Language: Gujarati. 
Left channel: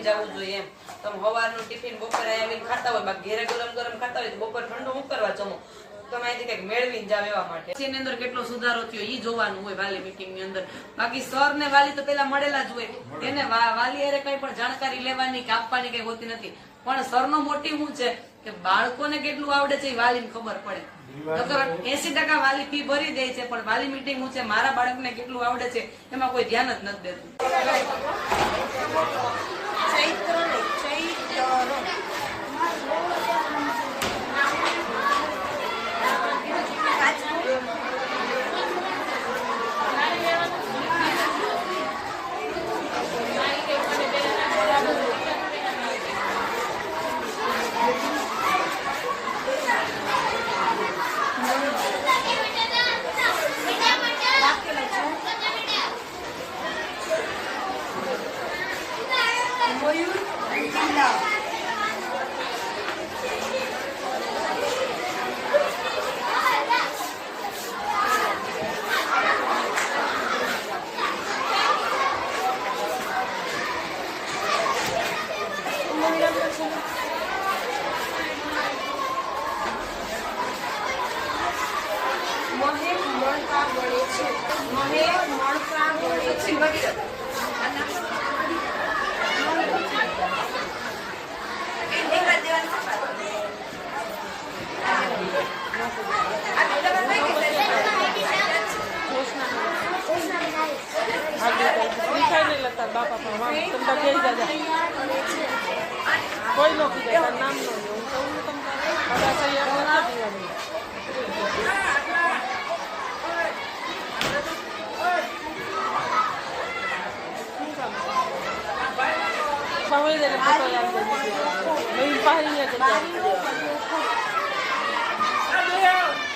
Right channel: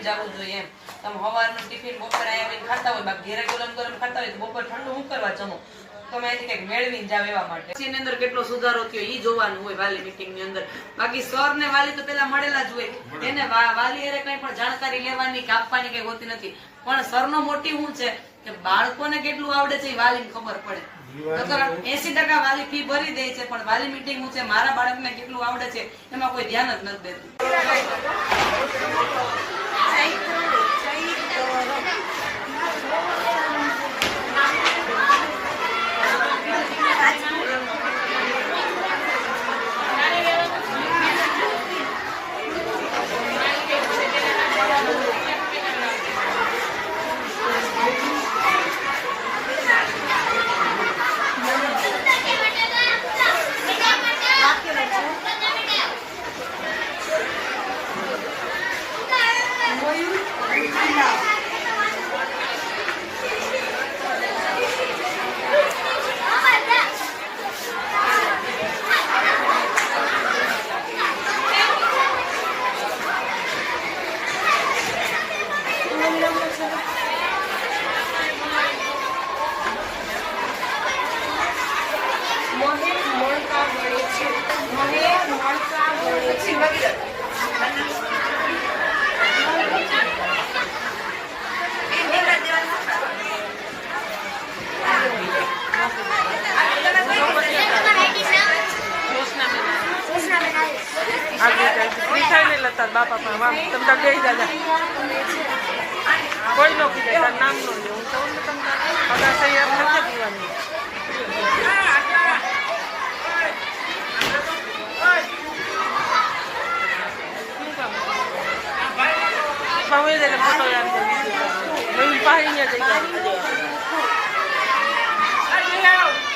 લઈને જવું જોઈએ એમ. તમે સવારનું ટિફિન બપોરે આવીને ખાતા હોય, બાકી ઘેરે ગરમ ગરમ ખાતા હોય તો બપોર ઠંડુ હું કરવા જમો, તમે અહીંથી કંઈક મેળવીને જાવ એવા માટે. એની અંદર કેટલો સુધારો થયો ઈ જોવાનું હોય વાલી મીટિંગ ની અંદર. બાકી સર ને વાલી તો પેલા મળેલા જ હોય, એને વાલી અરે કઈ પણ જાણકારી લેવાની કે આપવાની કઈ હોતી નથી. પણ સર નો મોટિવ શું છે કે બાળકોને કેટલું આવડે છે એ વાલીને ખબર પડે. 80% વાલી ફી ભરી દે છે, પણ વાલી મીટિંગ શું છે મારા બાળકને કેટલું આવડે છે એમાં કોઈ ધ્યાન જ નથી દેતું. બાપા પણ તમે ગઈ દાદા કોઈ નો કીધે તાર નામ નો લે હું કહું ને તમને બધા સહી એમ નથી પીવાની. ફોટો યાદ કરી પાસે અહીંયા જઈ